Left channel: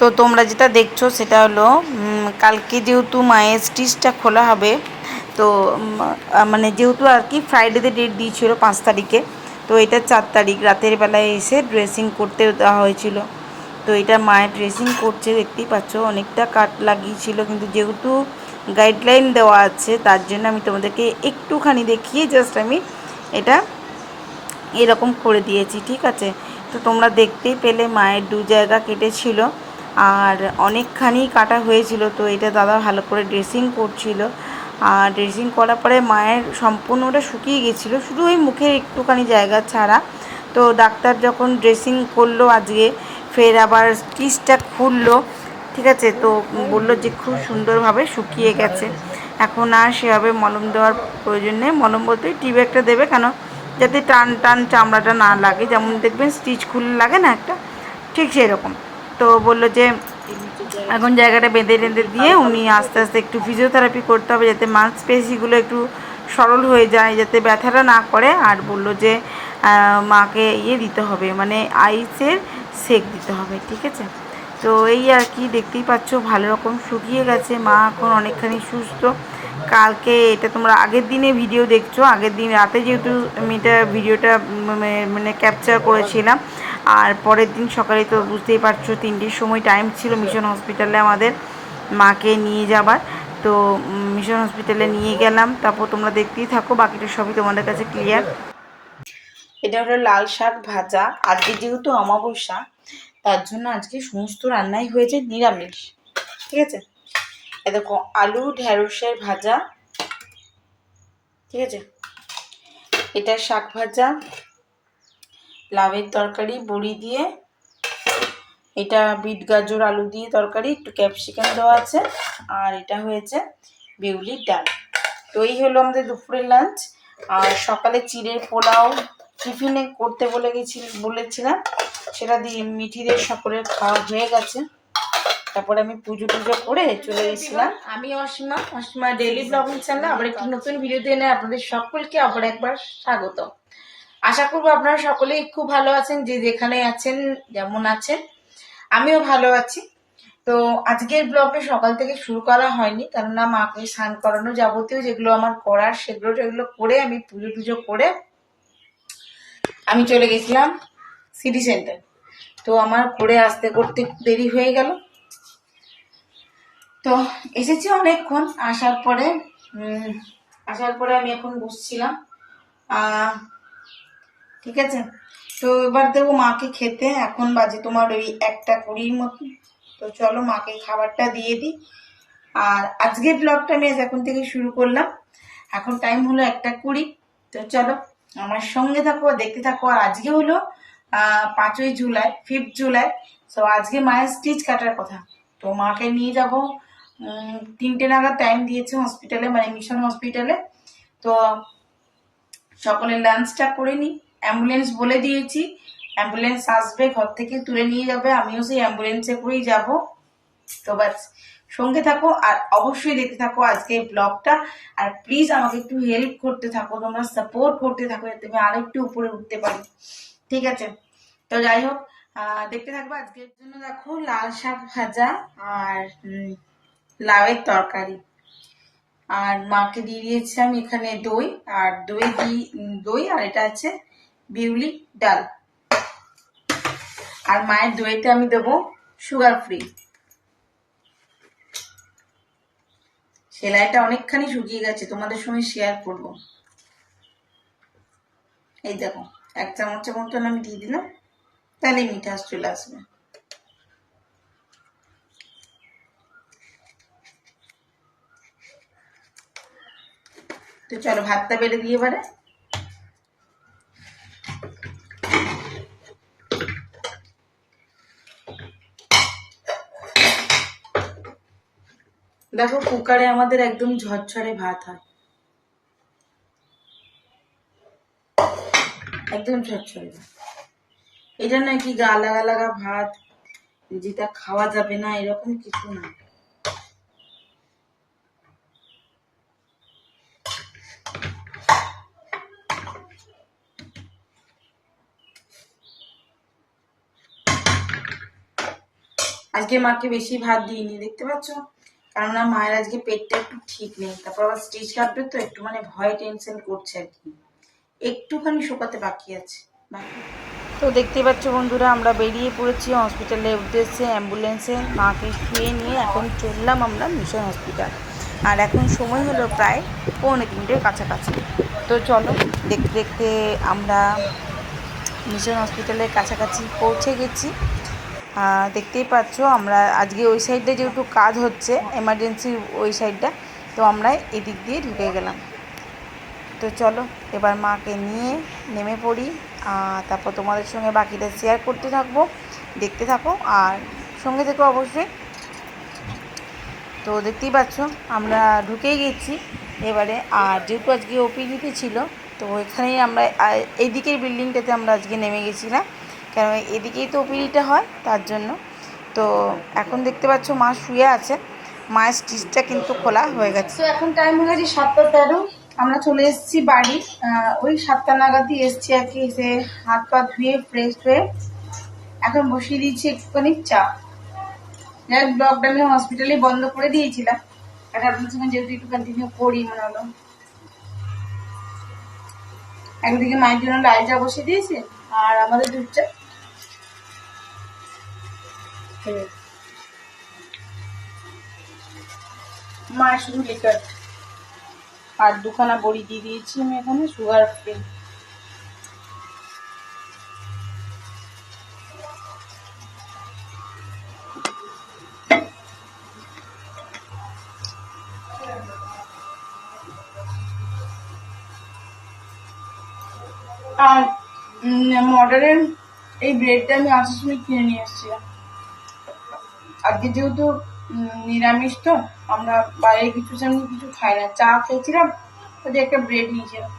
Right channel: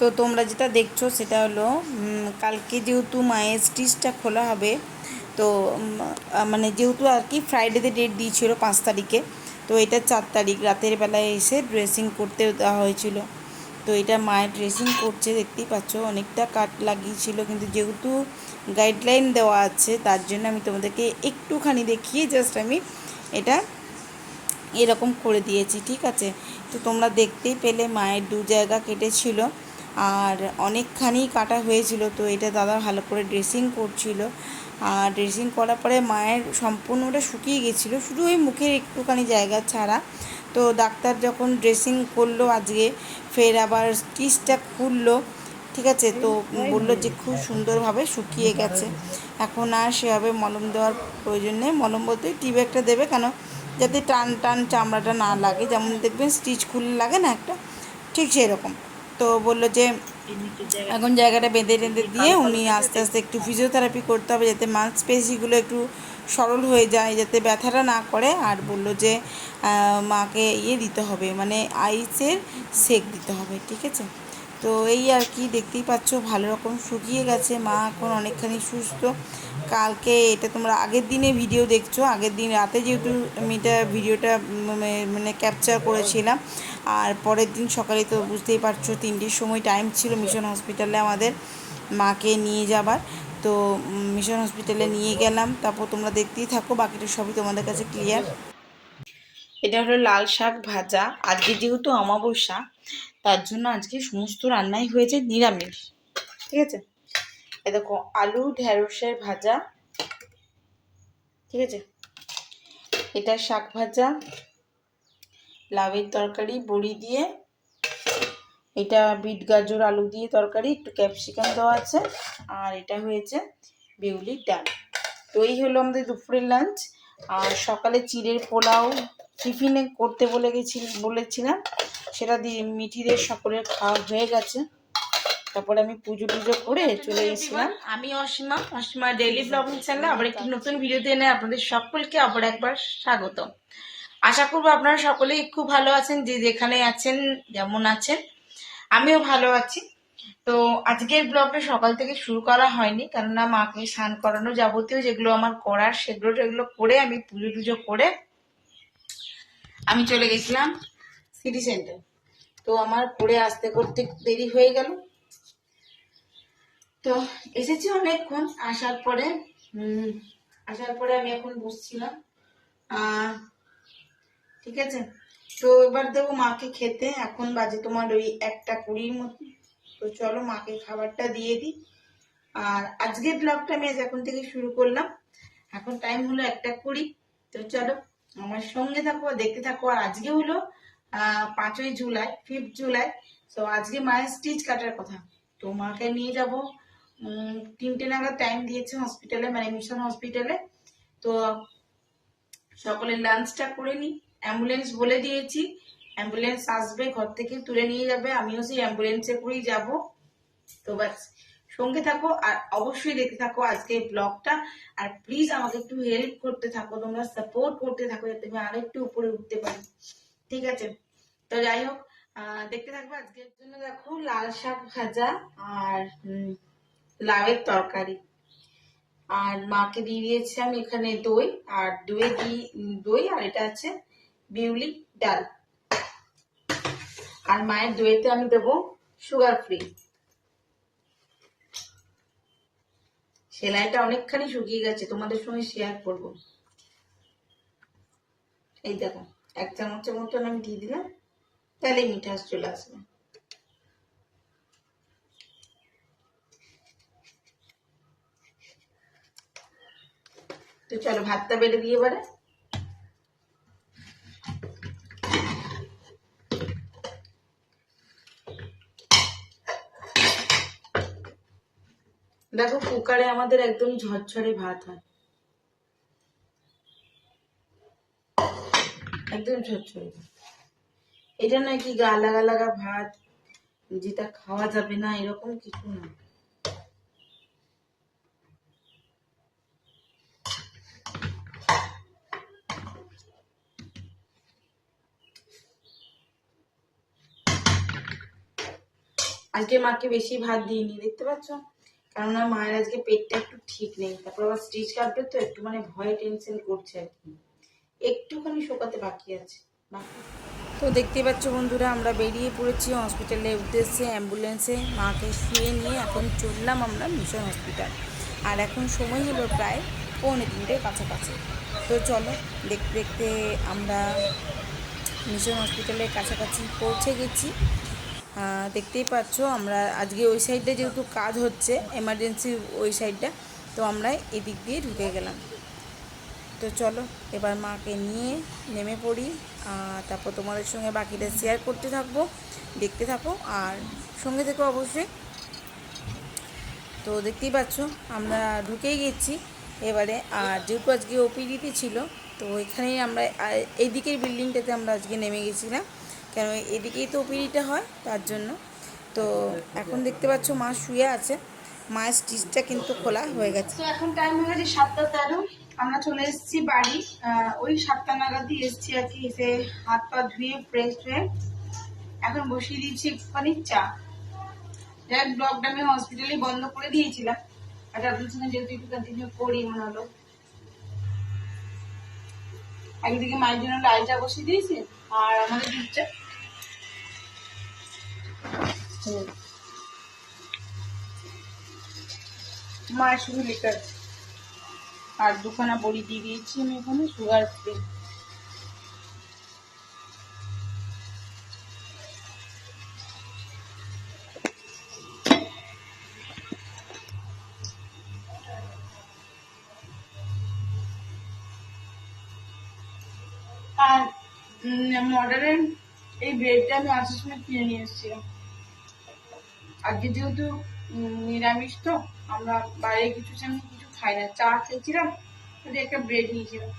তো তোমরা যেটা দেখছো সেটা হলো কালকে যেহেতু মায়ের স্টিচটা খোলা হবে, তো মানে যেহেতু আর কি ফ্রাইডেতে ডেট দিয়েছিল 5 তারিখে, তো এটা 4 তারিখ রাতের বেলায় এসে ড্রেসিং করতে দেওয়া হয়েছিল। তো এটা মায়ের ড্রেসিং করছে, দেখতেই পাচ্ছ অনেকটা কাট লাগিয়েছিল, কিন্তু যেহেতু গাইডলাইন দেওয়া আছে তার জন্য আমি তোমাদেরকে একটুখানি দেখিয়ে জাস্ট আমি এটা এরকম করে দিয়েছি, ঠিক আছে। তো তোমরা দেখতেই পেলে মায়ের 2 জায়গা কেটেছিল আর অনেকখানি কাটা হয়েছিল। তো এটা দাদা ভালো করে ড্রেসিং করছিল, আর ড্রেসিং করার পরে মায়ের সম্পূর্ণটা শুকিয়ে গেছিলো, শুধু ওই মুখের একটুখানি জায়গা ছাড়া। তো ডাক্তার যখন ড্রেসিং করলো আজকে, ফের আবার স্টিচটা খুললো, ঠিক আছে। তো বললো যে খুব সুন্দরভাবে শুকিয়ে গেছে, এখন আর সেভাবে মলম দেওয়ার প্রয়োজন নেই। মলম বলতে টিউব একটা দেবে, কেন যাতে টান টান চামড়াটা না লাগে, যেমন দেখবেন স্টিচ খুললে লাগে না একটা, ঠিক সেরকম। তো বললো যে এখন জায়গাটা বেঁধে টেঁধে দিয়ে উনি আস্তে আস্তে একটু ফিজিওথেরাপি করতে হবে, যাতে মাংসপেশিগুলো একটু সরল হয়ে যায়, যাতে ব্যথাটা না করে। আর বললো যে মাকে দিতে হবে, মানে আইসের সেক দিতে হবে, ঠিক আছে। তো এই আর কি, দেখতেই পাচ্ছ ভালো রকম শুকিয়ে গেছে, মা এখন অনেকখানি সুস্থ। কালকে এটা তোমরা আগের দিনে ভিডিও দেখছো, আগের দিন রাতে যেহেতু আমি এটা ভিডিওটা মানে ক্যাপচার করেছিলাম, আর পরের দিন সকালে তো বুঝতেই পারছো 3টের সময় টাইম ছিল মিশন হসপিটালে আমাদের মাকে নিয়ে যাবার। তো মিশন হসপিটালে নিয়ে গেলাম, তারপর তোমরা দেখতেই থাকো, বাকিটা সবই তোমাদের কাছে ক্লিয়ার। এটা হলো লাল শাক ভাজা, আজকে যেহেতু অমাবস্যা তার জন্য আজকে সমস্ত রান্নাই হয়েছে নিরামিষ, ঠিক আছে। দেখো আলু ঢেঁড়সের ভাজা, ঠিক আছে। এটা শাক ভাজা, লাউয়ের তরকারি বড়ি দিয়ে, এটা বিট গাজর আলু দিয়ে তরকারি, একটু ক্যাপসিকাম দেওয়া আছে, আর এটা হয়েছে বিউলির ডাল। তো এই হলো আমাদের দুপুরের লাঞ্চ। আর সকালে চিড়ের পোলাও টিফিনে করতে বলেছিলাম, সেটা দিয়ে মিঠিদের সকলের খাওয়া হয়ে গেছে। তারপরে আমি পুজো টুজো করে চলে এসেছিলাম। আমি অসীমা ডেইলি ব্লগিং চ্যানেলে আবার একটি নতুন ভিডিও দিয়ে আপনাদের সকলকে আবার একবার স্বাগত। আশা করবো আপনারা সকলেই খুব ভালো আছেন, যে যেখানে আছেন যেমন আছেন, আমিও ভালো আছি। তো আজকের ব্লগটা সকাল থেকে শুরু করা হয়নি, কেননা মাকে স্নান করানো যাবতীয় যেগুলো আমার করার সেগুলো করে আমি পুজো টুজো করে আমি চলে গেছিলাম সিটি সেন্টার। তো আমার করে আসতে করতে দেরি হয়ে গেল। তো এসেছি অনেকক্ষণ, আসার পরে আমি এখন বসছিলাম, ঠিক আছে। তো এবার দেবো মাকে খেতে, এখন বাজে তোমার ওই 1:20 মতো। তো চলো মাকে খাবারটা দিয়ে দিই। আর আজকের ব্লগটা আমি এখন থেকে শুরু করলাম, এখন টাইম হলো 1:20। তো চলো আমার সঙ্গে থাকো, দেখতে থাকো। আর আজকে হলো 5ই জুলাই, 5th জুলাই। তো আজকে মায়ের স্টিচ কাটার কথা। তো মাকে নিয়ে যাব 3টে নাগাদ টাইম দিয়েছে হসপিটালে, মানে মিশন হসপিটালে। তো সকলের লাঞ্চটা করে নিই। অ্যাম্বুলেন্স বলে দিয়েছি, অ্যাম্বুলেন্স আসবে, ঘর থেকে তুলে নিয়ে যাবে, আমিও সেই অ্যাম্বুলেন্সে করেই যাব। তো বাস সঙ্গে থাকো আর অবশ্যই দেখতে থাকো আজকে ব্লগটা। আর প্লিজ আমাকে একটু হেল্প করতে থাকো, তোমরা সাপোর্ট করতে থাকো, যাতে আমি আরেকটু উপরে উঠতে পারি, ঠিক আছে। তো যাই হোক, দেখতে থাকবো। আজকের জন্য দেখো লাল শাক ভাজা আর লাউয়ের তরকারি, আর মাকে দিয়ে দিয়েছি আমি এখানে দই, আর দই আর এটা আছে বিউলি ডাল। আর মায়ের দইতে আমি দেবো সুগার ফ্রি। সেলাইটা অনেকখানি শুকিয়ে গেছে, তোমাদের সঙ্গে শেয়ার করবো। এই দেখো 1 চামচের মতন আমি দিয়ে দিলাম, তাহলেই মিঠাস চলে আসবে। তো চলো ভাতটা বেড়ে দিয়ে এবারে। দেখো কুকারে আমাদের একদম ঝরঝরে ভাত হয়, একদম ঝরঝরে ভাত। এটা নাকি গা লাগা লাগা ভাত, যেটা খাওয়া যাবে না এরকম কিছু না। আজকে মাকে বেশি ভাত দিইনি, দেখতে পাচ্ছ, কেননা মায়ের আজকে পেটটা একটু ঠিক নেই। তারপর আবার স্টিচ কাটবে তো একটু মানে ভয় টেনশন করছে আর কি, একটুখানি শোকাতে বাকি আছে। তো দেখতেই পাচ্ছ বন্ধুরা, আমরা বেরিয়ে পড়েছি হসপিটালের উদ্দেশ্যে অ্যাম্বুলেন্সে। মাকে শুয়ে নিয়ে এখন চললাম আমরা মিশন হসপিটাল। আর এখন সময় হলো প্রায় 2:45-এর কাছাকাছি। তো চলো দেখতে দেখতে আমরা মিশন হসপিটালের কাছাকাছি পৌঁছে গেছি। দেখতেই পাচ্ছ আমরা আজকে ওই সাইডটা যেহেতু কাজ হচ্ছে, এমার্জেন্সি ওই সাইডটা, তো আমরা এদিক দিয়ে ঢুকে গেলাম। তো চলো এবার মাকে নিয়ে নেমে পড়ি, তারপর তোমাদের সঙ্গে বাকিটা শেয়ার করতে থাকবো, দেখতে থাকো আর সঙ্গে থেকো অবশ্যই। তো দেখতেই পাচ্ছ আমরা ঢুকেই গেছি এবারে। আর যেহেতু আজকে ওপিডিতে ছিল, তো এখানেই আমরা এইদিকের বিল্ডিংটাতে আমরা আজকে নেমে গেছিলাম, কারণ এদিকেই তো ওপিডিটা হয় তার জন্য। তো এখন দেখতে পাচ্ছ মা শুয়ে আছে, মায়ের স্টিচটা কিন্তু খোলা হয়ে গেছে। তো এখন টাইম হয়ে গেছে 7:13। আমরা চলে এসেছি বাড়ি, ওই 7টা নাগাদই এসছি আর কি। এসে হাত পা ধুয়ে ফ্রেশ হয়ে এখন বসিয়ে দিয়েছি একটুখানি চা। যাই ব্লগটা আমি হসপিটালে বন্ধ করে দিয়েছিলাম, এটা আপনার সঙ্গে যেহেতু একটু কন্টিনিউ করি মনে হলো। একদিকে মায়ের জন্য লাল চা বসিয়ে দিয়েছি আর আমাদের দুধ চা। মায়ের শুধু লিকার আর 2খানা বড়ি দিয়ে দিয়েছি আমি এখানে সুগার ফ্রি। আর মডারের এই ব্রেডটা আমি আসার সময় কিনে নিয়ে এসেছিলাম। আজকে যেহেতু নিরামিষ, তো আমরা বাইরে কিছু সেমনি কিছু খাই না, চা খেয়েছিলাম, ওদের একটা ব্রেড নিয়েছিলাম।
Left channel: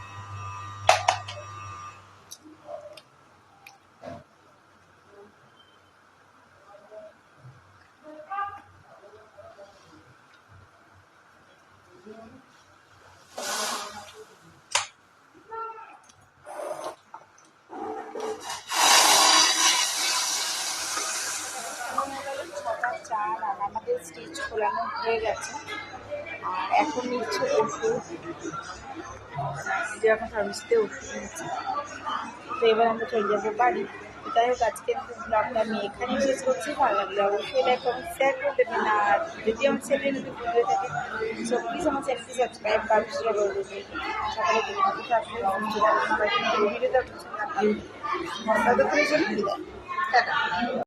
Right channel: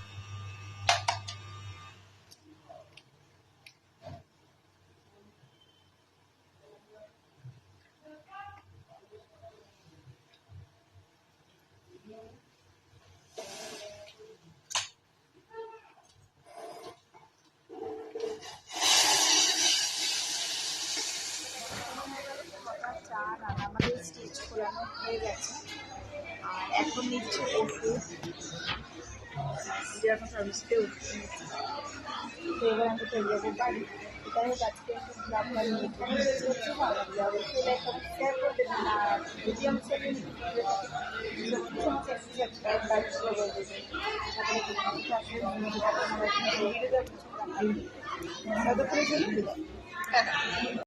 আমাদের স্টিচ খোলানো হয়ে গেছে আর এখন নিচ্ছে ওষুধ, যে এখন ফার্মেসিতে ওষুধ নিচ্ছে। তো এবার আমরা চলে যাবো বাড়ি। যাই হোক আজকের ব্লগটা আমি এখানেই শেষ করছি। ভালো লাগলে অবশ্যই লাইক কমেন্ট শেয়ার করে দেবেন। আর যদি আমার চ্যানেল নতুন ভিডিও থাকে সো প্লিজ আমার চ্যানেলটি সাবস্ক্রাইব বা শেয়ার করে দেবেন। সকালে ভিডিওটা ততক্ষণের জন্য বিদায়। টাটা।